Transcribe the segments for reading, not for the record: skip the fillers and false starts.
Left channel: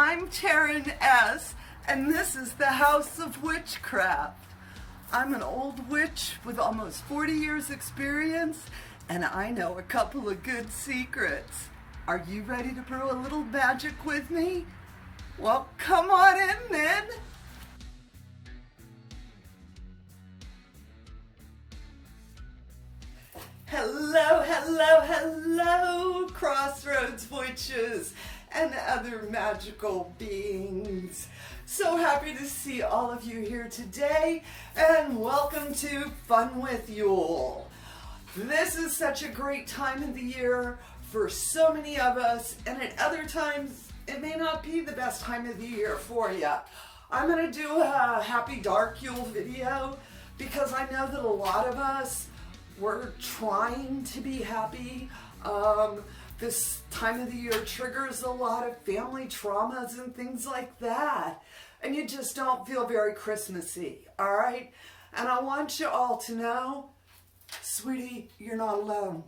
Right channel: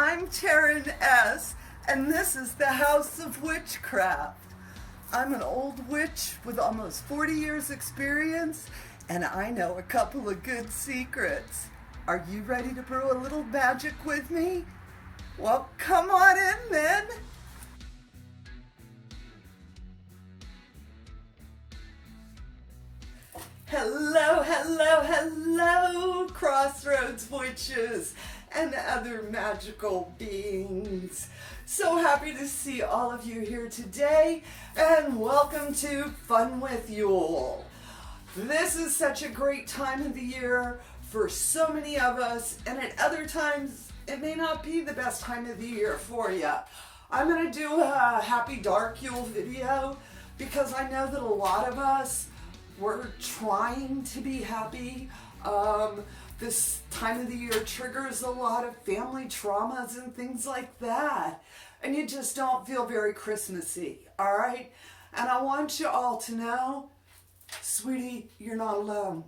I'm Taren S, and this is the House of Witchcraft. I'm an old witch with almost 40 years experience, and I know a couple of good secrets. Are you ready to brew a little magic with me? Well, come on in then. Hello, hello, hello, Crossroads Witches and other magical beings. So happy to see all of you here today, and welcome to Fun with Yule. This is such a great time of the year for so many of us, and at other times it may not be the best time of the year for you. I'm going to do a Happy Dark Yule video because I know that a lot of us, we're trying to be happy. This time of the year triggers a lot of family traumas and things like that. And you just don't feel very Christmassy, all right? And I want you all to know, sweetie, you're not alone,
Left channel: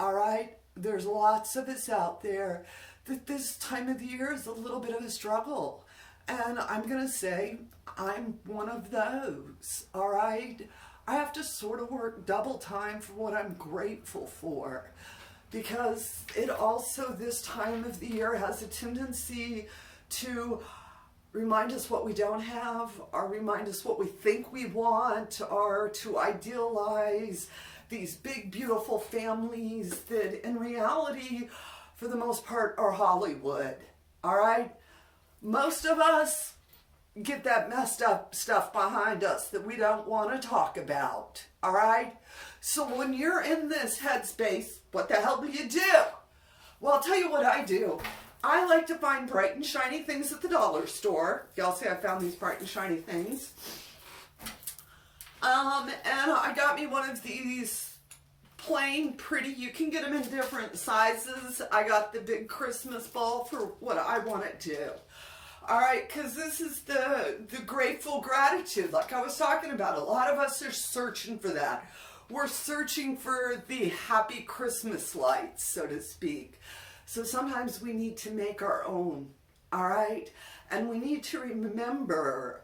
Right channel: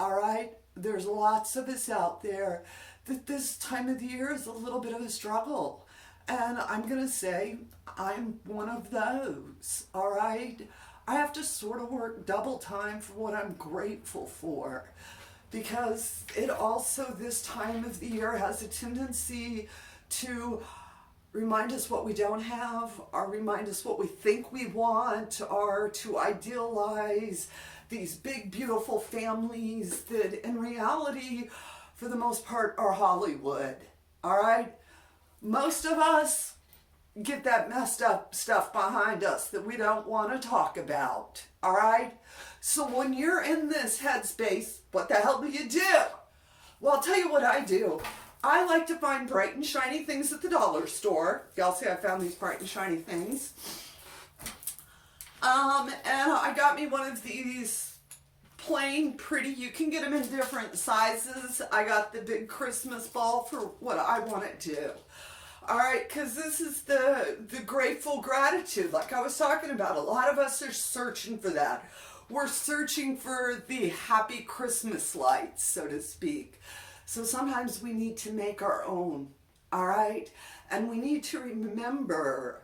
all right? There's lots of us out there that this time of the year is a little bit of a struggle. And I'm gonna say I'm one of those, all right? I have to sort of work double time for what I'm grateful for, because it also, this time of the year, has a tendency to remind us what we don't have, or remind us what we think we want, or to idealize these big, beautiful families that in reality, for the most part, are Hollywood, all right? Most of us get that messed up stuff behind us that we don't want to talk about, all right? So when you're in this headspace, what the hell do you do? Well, I'll tell you what I do. I like to find bright and shiny things at the dollar store. Y'all see I found these bright and shiny things. And I got me one of these plain, pretty, you can get them in different sizes. I got the big Christmas ball for what I want to do. All right, because this is the grateful gratitude, like I was talking about. A lot of us are searching for that. We're searching for the happy Christmas lights, so to speak. So sometimes we need to make our own, all right? And we need to remember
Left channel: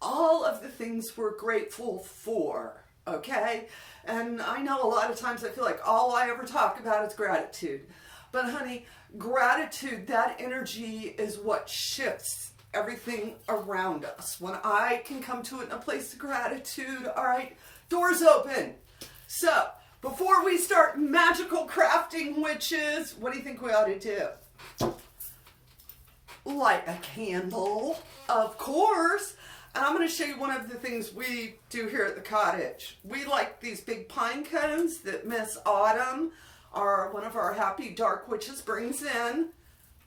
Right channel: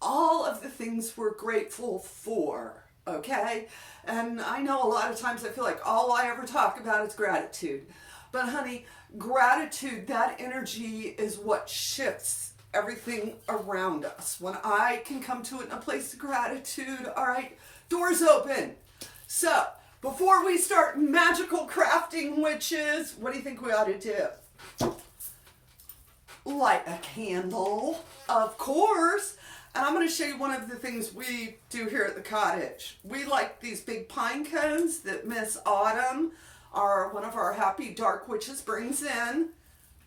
all of the things we're grateful for, okay? And I know a lot of times I feel like all I ever talk about is gratitude. But honey, gratitude, that energy is what shifts everything around us. When I can come to it in a place of gratitude, all right, doors open. So before we start magical crafting, witches, what do you think we ought to do? Light a candle, of course. And I'm going to show you one of the things we do here at the cottage. We like these big pine cones that Miss Autumn, one of our happy dark witches, brings in.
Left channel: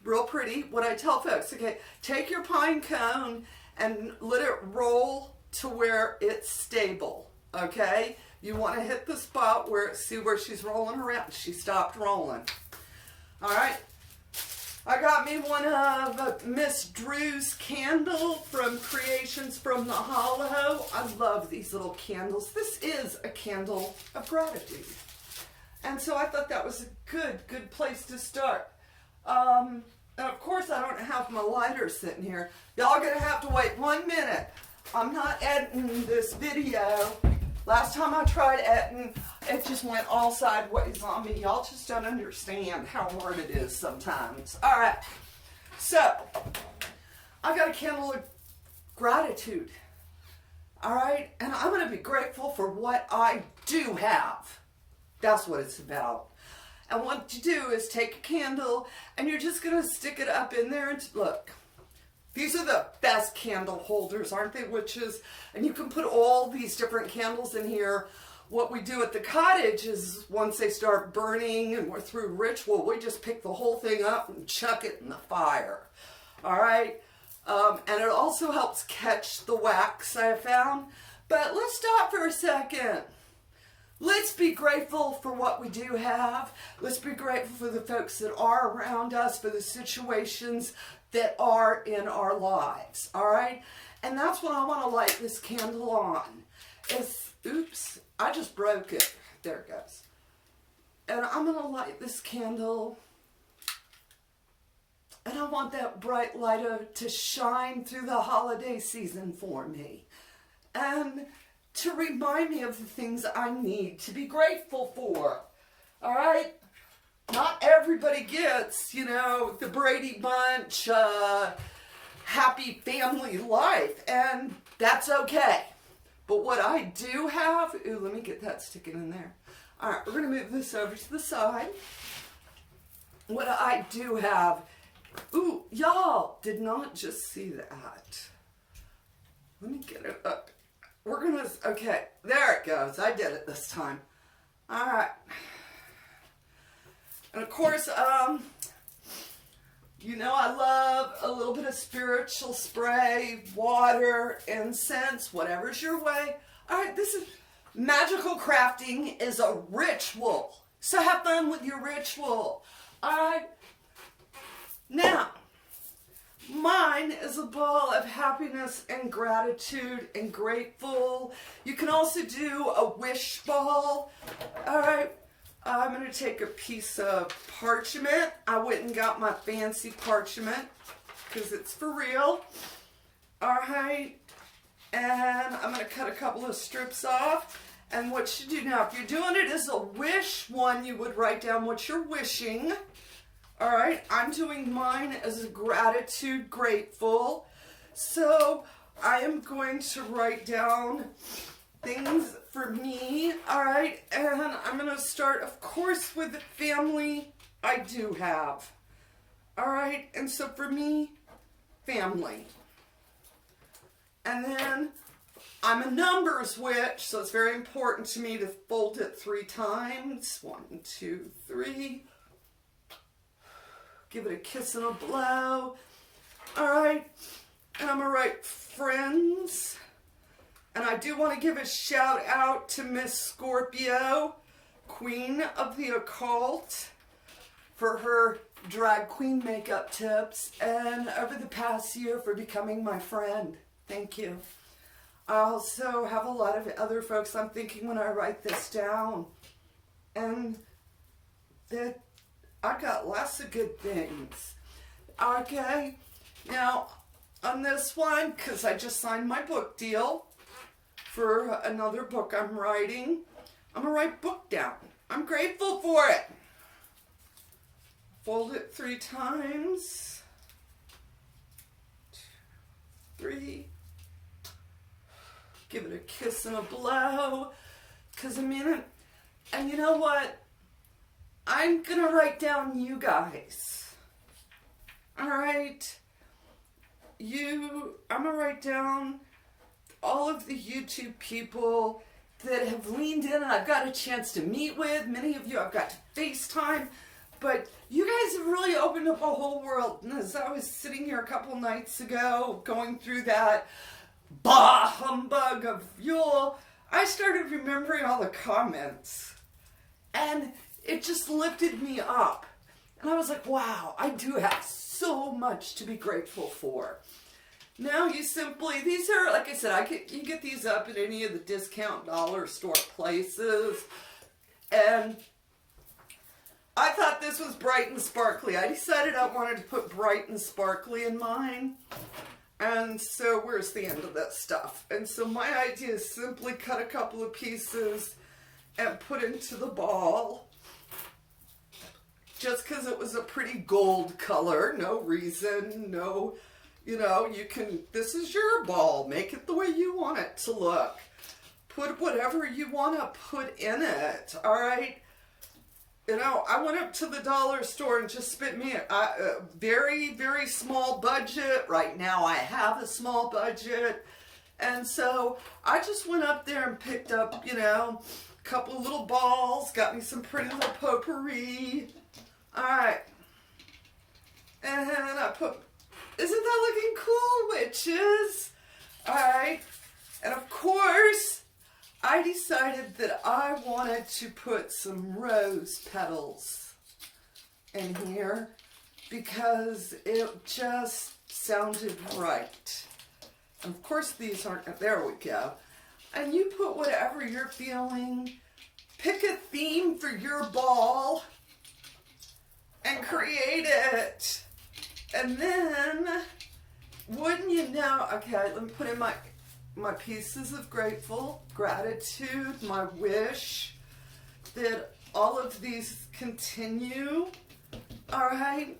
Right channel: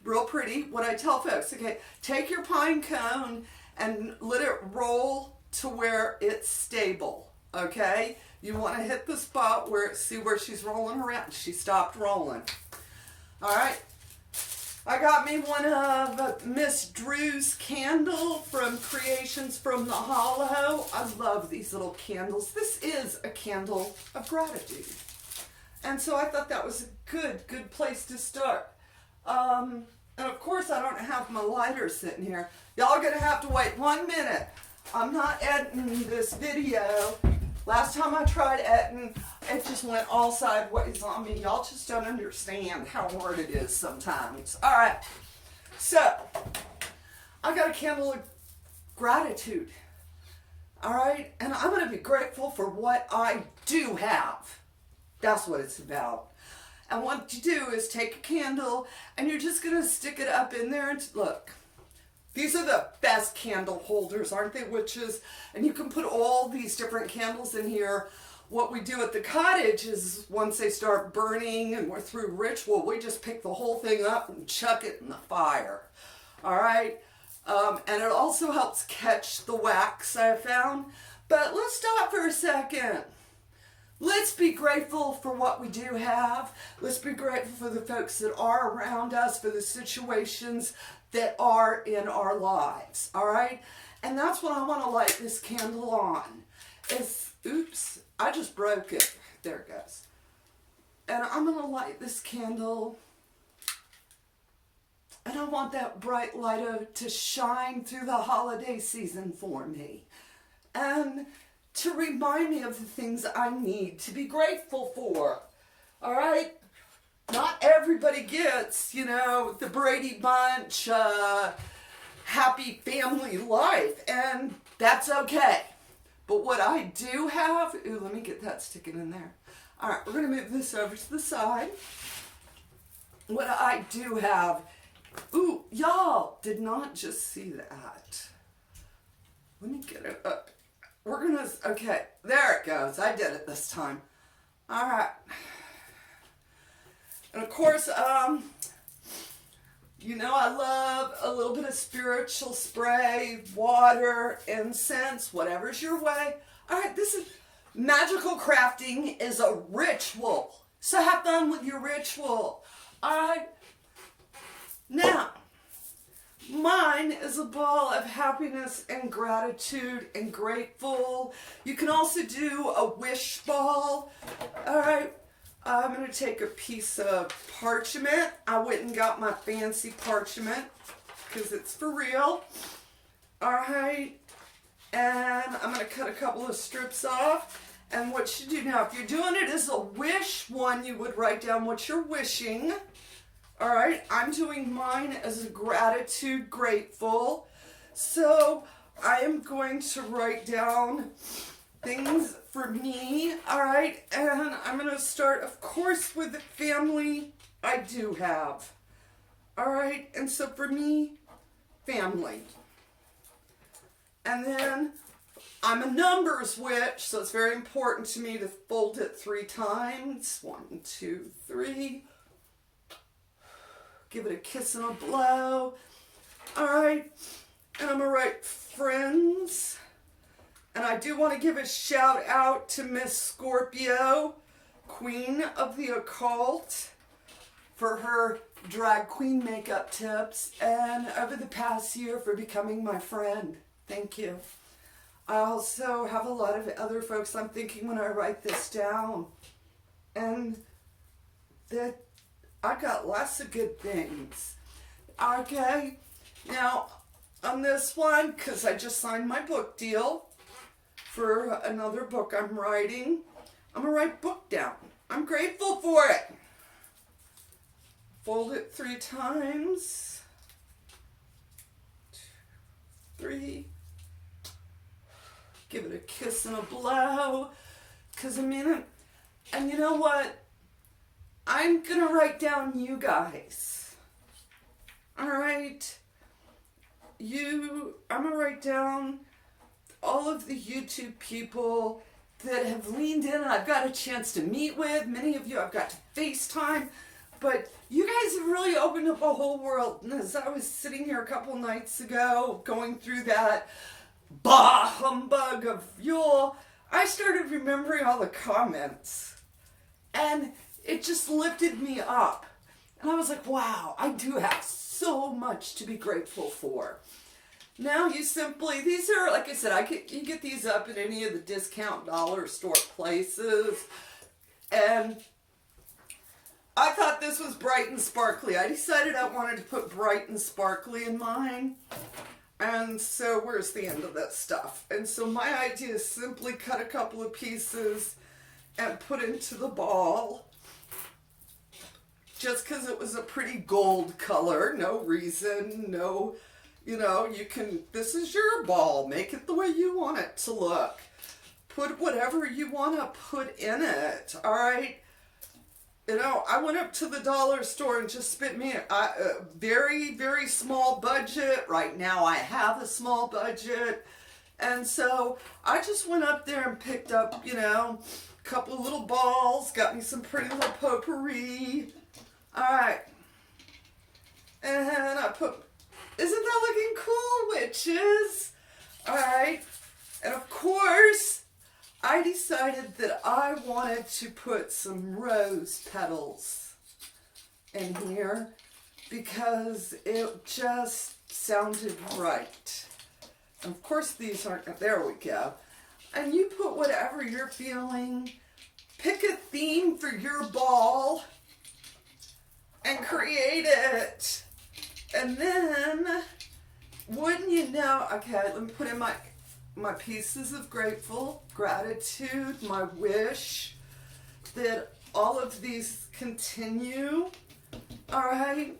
Real pretty. What I tell folks, okay, take your pine cone and let it roll to where it's stable, okay? You want to hit the spot where, see where she's rolling around. She stopped rolling. All right. I got me one of Miss Drew's candle from Creations from the Hollow. I love these little candles. This is a candle of gratitude. And so I thought that was a good place to start. And of course I don't have my lighter sitting here. Y'all are gonna have to wait 1 minute. I'm not editing this video. Last time I tried editing, it just went all sideways on me. Y'all just don't understand how hard it is sometimes. All right, so I got a candle of gratitude. All right, and I'm gonna be grateful for what I do have. That's what it's about. And what you do is take a candle and you're just gonna stick it up in there and look. These are the best candle holders, aren't they, witches? And you can put all these different candles in here. What we do at the cottage is once they start burning and we're through ritual, we just pick the whole thing up and chuck it in the fire. All right? And it also helps catch the wax, I found. But let's stop for a second. Let's be grateful for what we do have. Let's be grateful for the folks that are around us, for the situations that are in our lives, all right? And that's what I want to light this candle on. Oops, I just broke it. There it goes. And I'm going to light this candle And I want that bright light to shine through the holiday season for me. And to remind me of the things I need to be grateful for. All right? Not everybody gets, the Brady Bunch, happy family life. And that's okay. But what I do have, ooh, let me get that sticking in there. All right, we're going to move this over to the side. What I do have, ooh, y'all did not just see that. Let me get it up. We're going to, okay, there it goes. I did it this time. All right. And of course, I love a little bit of spiritual spray, water, incense, whatever's your way. All right, this is magical crafting is a ritual. So have fun with your ritual. All right. Now, mine is a ball of happiness and gratitude and grateful. You can also do a wish ball. All right. I'm going to take a piece of parchment. I went and got my fancy parchment because it's for real. All right. And I'm going to cut a couple of strips off. And what you do now, if you're doing it as a wish one, you would write down what you're wishing. All right. I'm doing mine as a gratitude, grateful. So I am going to write down things for me, all right, and I'm going to start, of course, with the family I do have, all right, and so for me, family, and then I'm a numbers witch, so it's very important to me to fold it 3 times, 1, 2, 3, give it a kiss and a blow, all right, and I'm going to write friends. And I do want to give a shout out to Miss Scorpio, Queen of the Occult, for her drag queen makeup tips and over the past year for becoming my friend. Thank you. I also have a lot of other folks I'm thinking when I write this down. And that I got lots of good things. Okay. Now, on this one, because I just signed my book deal for another book I'm writing. I'm going to write book down. I'm grateful for it. Fold it 3 times. 2, 3. Give it a kiss and a blow. Because and you know what? I'm going to write down you guys. All right? I'm going to write down all of the YouTube people that have leaned in and I've got a chance to meet with. Many of you I've got to FaceTime, but you guys have really opened up a whole world. And as I was sitting here a couple nights ago going through that bah humbug of Yule, I started remembering all the comments and it just lifted me up. And I was like, wow, I do have so much to be grateful for. Now you simply, these are, like I said, you get these up at any of the discount dollar store places. And I thought this was bright and sparkly. I decided I wanted to put bright and sparkly in mine. And so where's the end of that stuff? And so my idea is simply cut a couple of pieces and put into the ball. Just because it was a pretty gold color. No reason, no... this is your ball. Make it the way you want it to look. Put whatever you want to put in it, all right? I went up to the dollar store and just spent me a very, very small budget. Right now I have a small budget. And so I just went up there and picked up, a couple of little balls, got me some pretty little potpourri. All right. And I put... Isn't that looking cool, witches? All right. And of course, I decided that I wanted to put some rose petals in here because it just sounded right. And of course, these aren't, there we go. And you put whatever you're feeling. Pick a theme for your ball and create it. And then, wouldn't you know, okay, let me put in my pieces of gratitude, my wish that all of these continue. All right.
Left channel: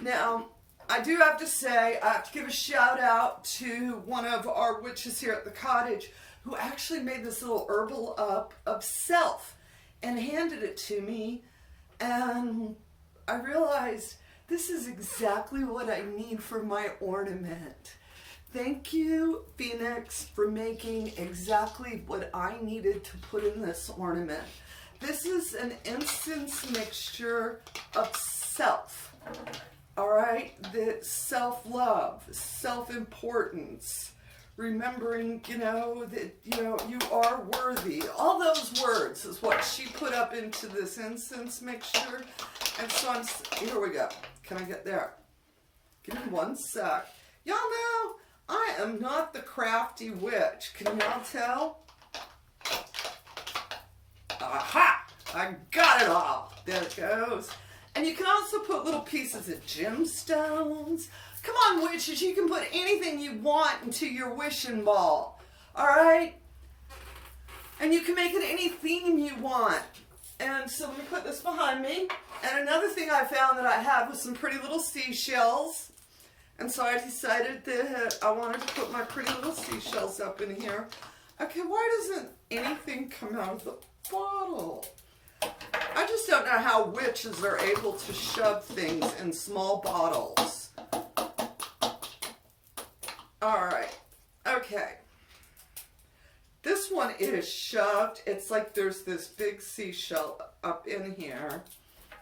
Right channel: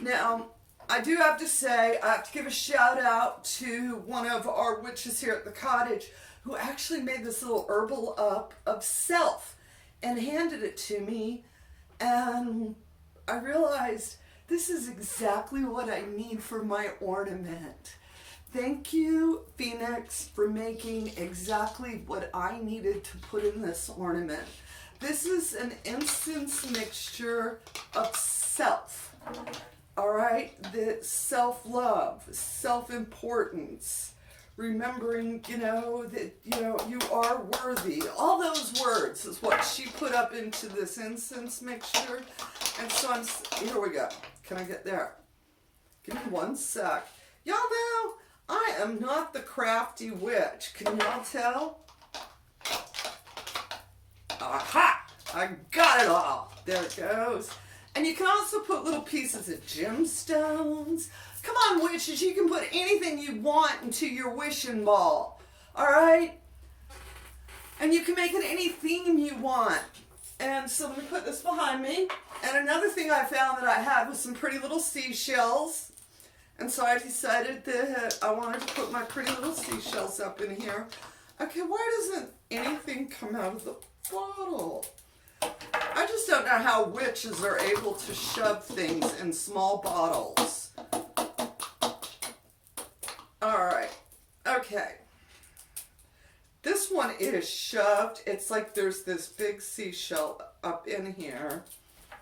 Now, I do have to say, I have to give a shout out to one of our witches here at the cottage who actually made this little herbal up of self and handed it to me. And I realized this is exactly what I need for my ornament. Thank you, Phoenix, for making exactly what I needed to put in this ornament. This is an incense mixture of self, all right? That self-love, self-importance, remembering, that, you are worthy. All those words is what she put up into this incense mixture. And so here we go. Can I get there? Give me one sec. Y'all know I am not the crafty witch. Can y'all tell? Aha! I got it all. There it goes. And you can also put little pieces of gemstones. Come on, witches, you can put anything you want into your wishing ball. All right? And you can make it any theme you want. And so let me put this behind me. And another thing I found that I had was some pretty little seashells. And so I decided that I wanted to put my pretty little seashells up in here. Okay, why doesn't anything come out of the bottle? I just don't know how witches are able to shove things in small bottles. All right, okay. This one is shoved. It's like there's this big seashell up in here.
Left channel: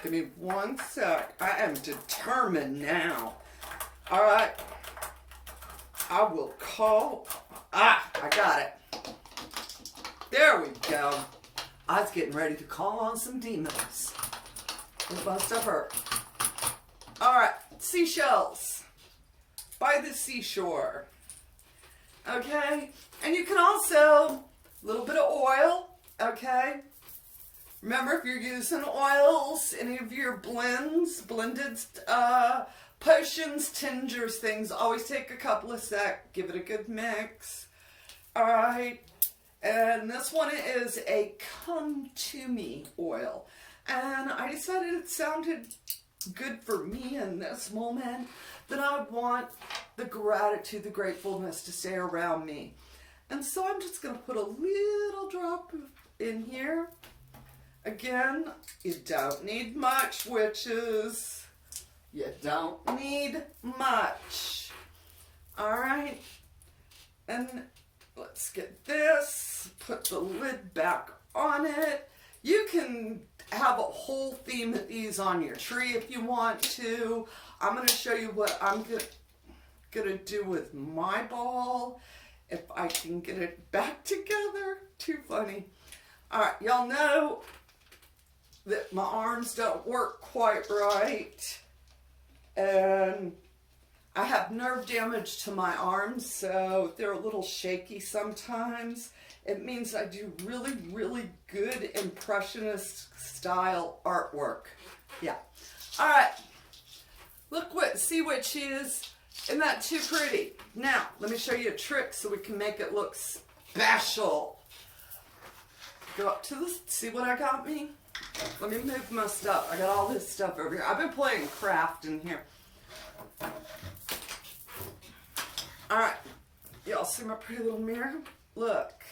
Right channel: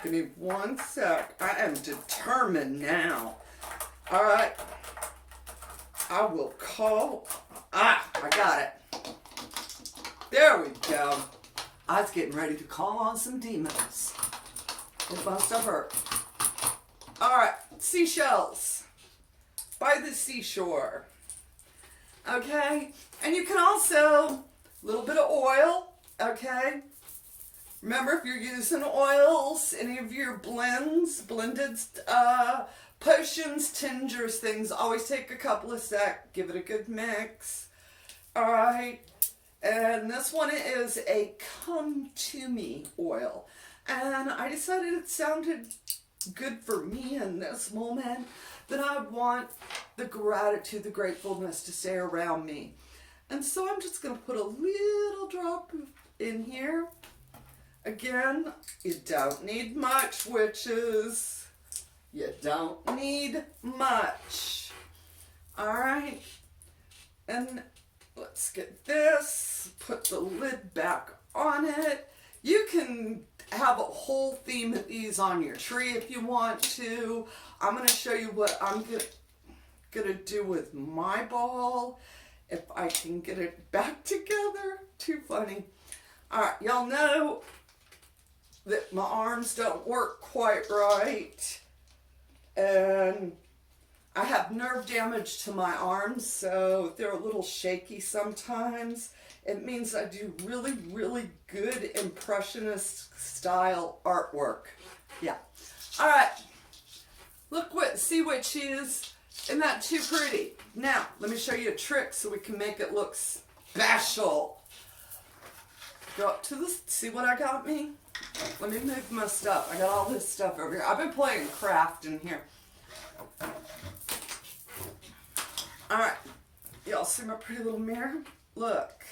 Give me one sec. I am determined now. All right. I will call. I got it. There we go. I was getting ready to call on some demons. It must have hurt. All right. Seashells by the seashore. Okay. And you can also, a little bit of oil. Okay. Remember, if you're using oils, any of your blended potions, tingers, things, always take a couple of sec, give it a good mix. All right. And this one is a Come To Me oil. And I decided it sounded good for me in this moment, that I want the gratitude, the gratefulness to stay around me. And so I'm just going to put a little drop in here. Again, you don't need much, witches. You don't need much. All right. And let's get this. Put the lid back on it. You can have a whole theme of these on your tree if you want to. I'm going to show you what I'm going to do with my ball. If I can get it back together. Too funny. All right. Y'all know that my arms don't work quite right. And I have nerve damage to my arms, so they're a little shaky sometimes. It means I do really, really good impressionist style artwork. Yeah. All right. See what she is. Isn't that too pretty? Now, let me show you a trick so we can make it look special. Go up to this, see what I got me? Let me move my stuff. I got all this stuff over here. I've been playing craft in here. All right. Y'all see my pretty little mirror? Look.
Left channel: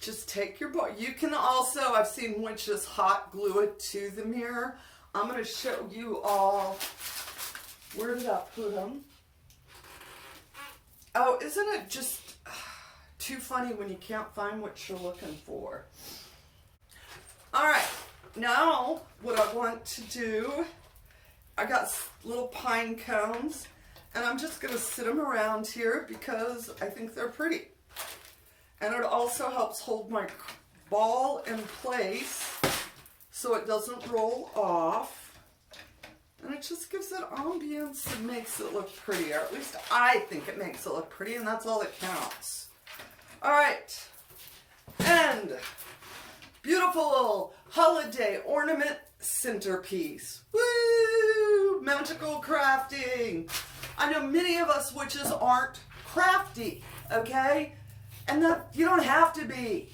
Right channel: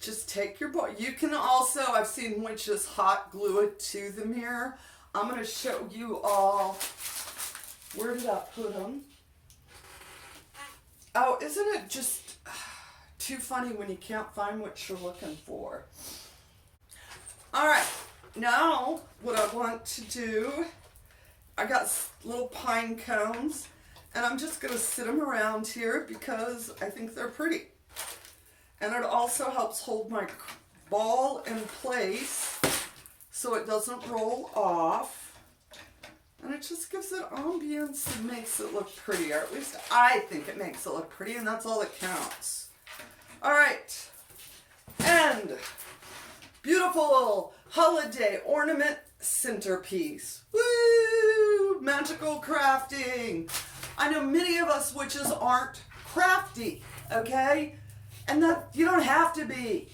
Just take your ball. You can also, I've seen witches hot glue it to the mirror. I'm going to show you all. Where did I put them? Oh, isn't it just too funny when you can't find what you're looking for? All right, now what I want to do, I got little pine cones, and I'm just going to sit them around here because I think they're pretty. And it also helps hold my ball in place so it doesn't roll off. And it just gives it ambience and makes it look pretty, or at least I think it makes it look pretty, and that's all that counts. All right, and beautiful holiday ornament centerpiece. Woo! Magical crafting. I know many of us witches aren't crafty, okay? And that you don't have to be.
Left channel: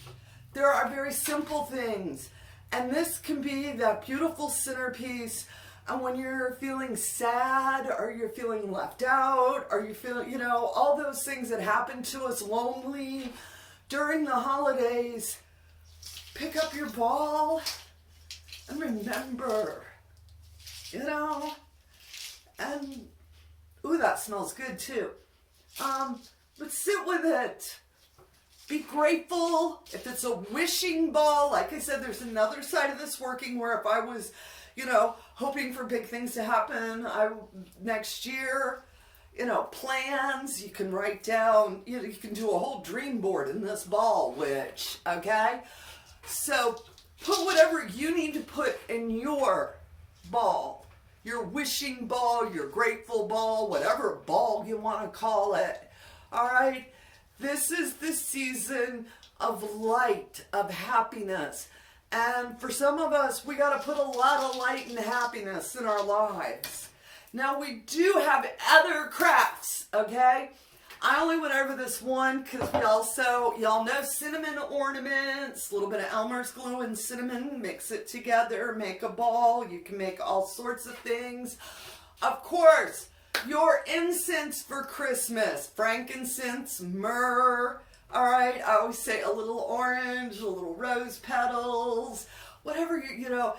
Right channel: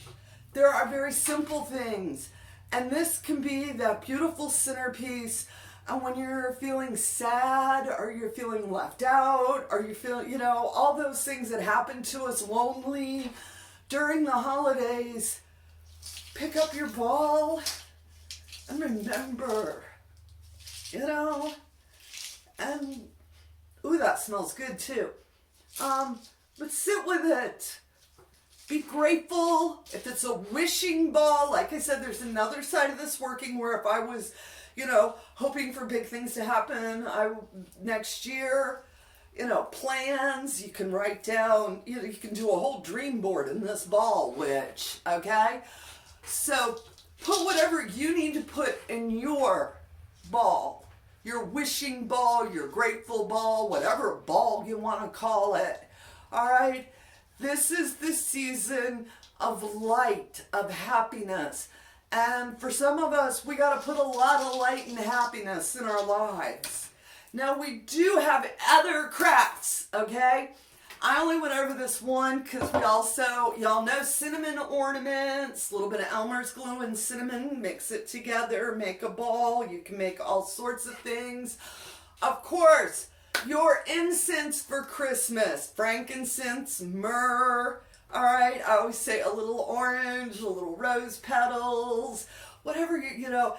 There are very simple things. And this can be that beautiful centerpiece. And when you're feeling sad, or you're feeling left out, or you feel, you know, all those things that happen to us lonely during the holidays, pick up your ball and remember, you know, and, ooh, that smells good too. But sit with it. Be grateful. If it's a wishing ball, like I said, there's another side of this working where if I was, you know, hoping for big things to happen next year, you know, plans, you can write down, you know, you can do a whole dream board in this ball, witch, okay? So put whatever you need to put in your ball, your wishing ball, your grateful ball, whatever ball you want to call it, all right? This is the season of light, of happiness. And for some of us, we got to put a lot of light and happiness in our lives. Now, we do have other crafts, okay? I only went over this one because we also, y'all know cinnamon ornaments, a little bit of Elmer's glue and cinnamon, mix it together, make a ball. You can make all sorts of things. Of course, your incense for Christmas, frankincense, myrrh, all right? I always say a little orange, a little rose petals, whatever you know,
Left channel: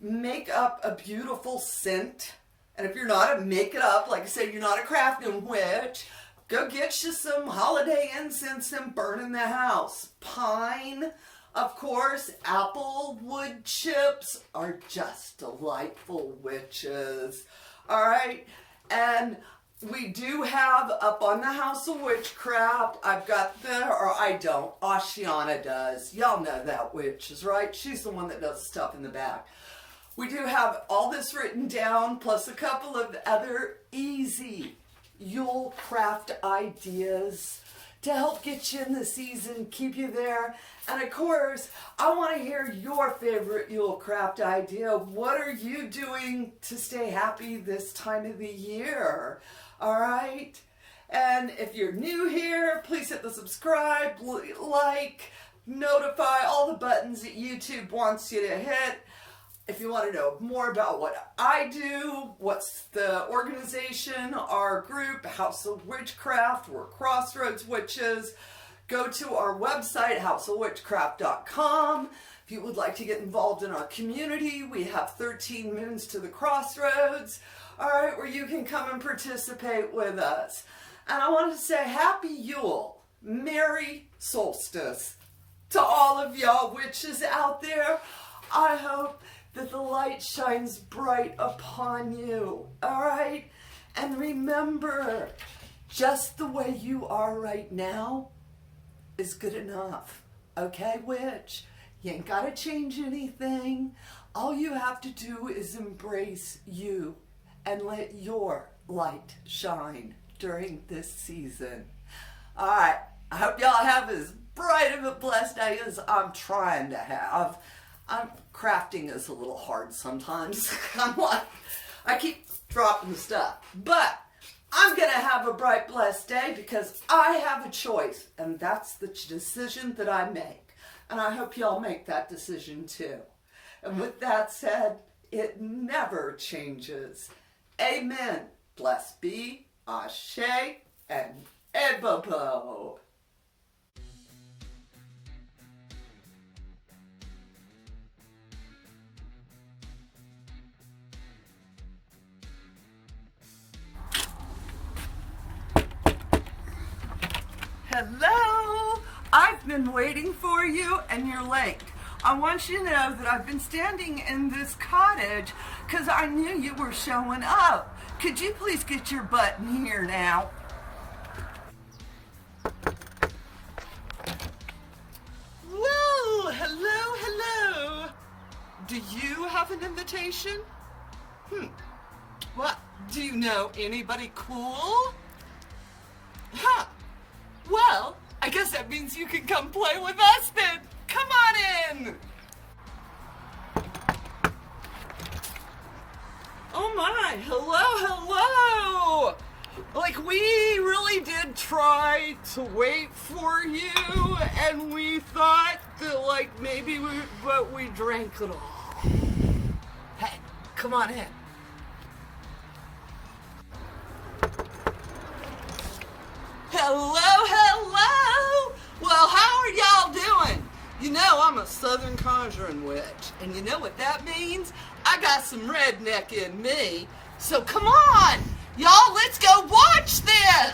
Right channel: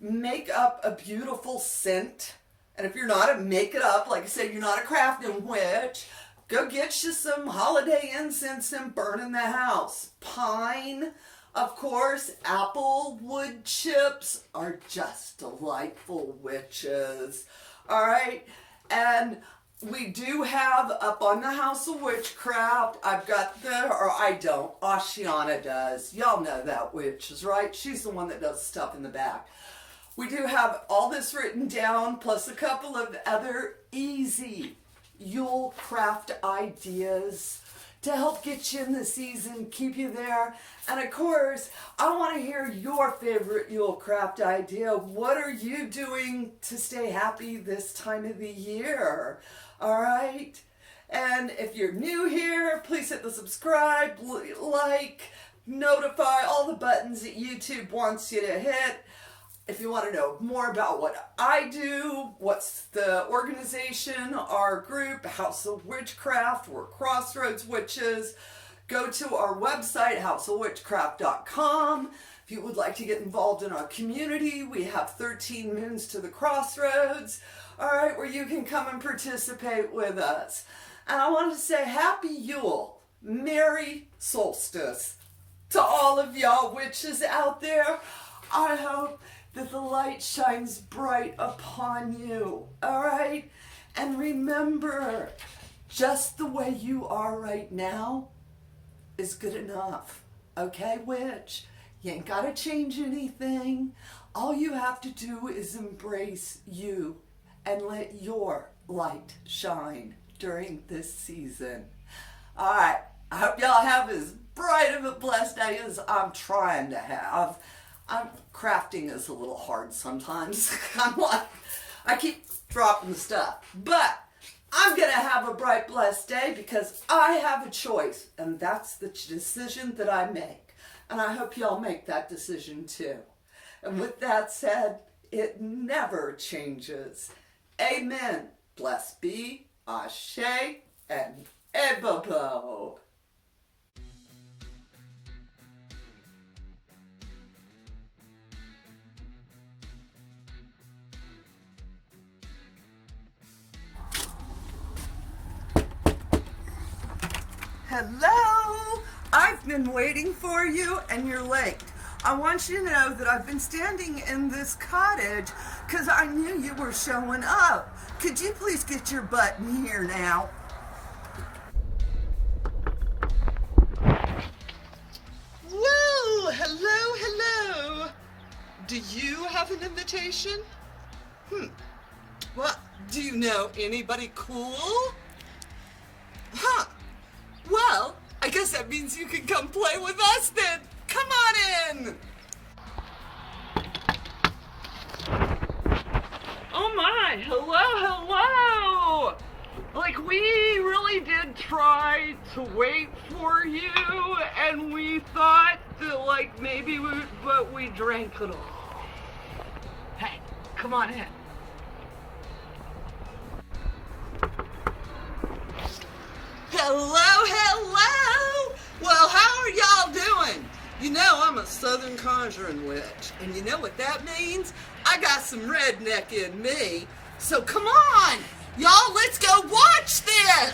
make up a beautiful scent. And if you're not make it up, like I said, you're not a crafting witch, go get you some holiday incense and burn in the house. Pine, of course, apple wood chips are just delightful, witches. All right? And we do have up on the House of Witchcraft, I've got or I don't, Ashiana does. Y'all know that witches, right? She's the one that does stuff in the back. We do have all this written down, plus a couple of other easy Yule Craft ideas to help get you in the season, keep you there. And of course, I want to hear your favorite Yule Craft idea. What are you doing to stay happy this time of the year? All right? And if you're new here, please hit the subscribe, like, notify, all the buttons that YouTube wants you to hit. If you want to know more about what I do, what's the organization, our group, House of Witchcraft, we're Crossroads Witches, go to our website, houseofwitchcraft.com. If you would like to get involved in our community, we have 13 Moons to the Crossroads, all right, where you can come and participate with us. And I want to say Happy Yule, Merry Solstice to all of y'all witches out there. I hope that the light shines bright upon you, all right? And remember, just the way you are right now is good enough, okay, witch? You ain't gotta change anything. All you have to do is embrace you and let your light shine during this season. All right, I hope y'all have as bright of a blessed day as I'm trying to have. Crafting is a little hard sometimes. I'm like, I keep dropping the stuff. But I'm going to have a bright, blessed day because I have a choice. And that's the decision that I make. And I hope y'all make that decision too. And with that said, it never changes. Amen. Blessed be, Ashe, and Ebabo. Hello! I've been waiting for you and you're late. I want you to know that I've been standing in this cottage because I knew you were showing up. Could you please get your butt in here now? Whoa! Hello, hello! Do you have an invitation? What? Do you know anybody cool? Huh. Well, I guess that means you can come play with us then. Come on in. Oh my, hello. Like, we really did try to wait for you, and we thought that, like, maybe but we drank it all. Hey, come on in. Hello. Well, how are y'all doing? You know, I'm a Southern Conjuring Witch, and you know what that means? I got some redneck in me. So come on, y'all, let's go watch this.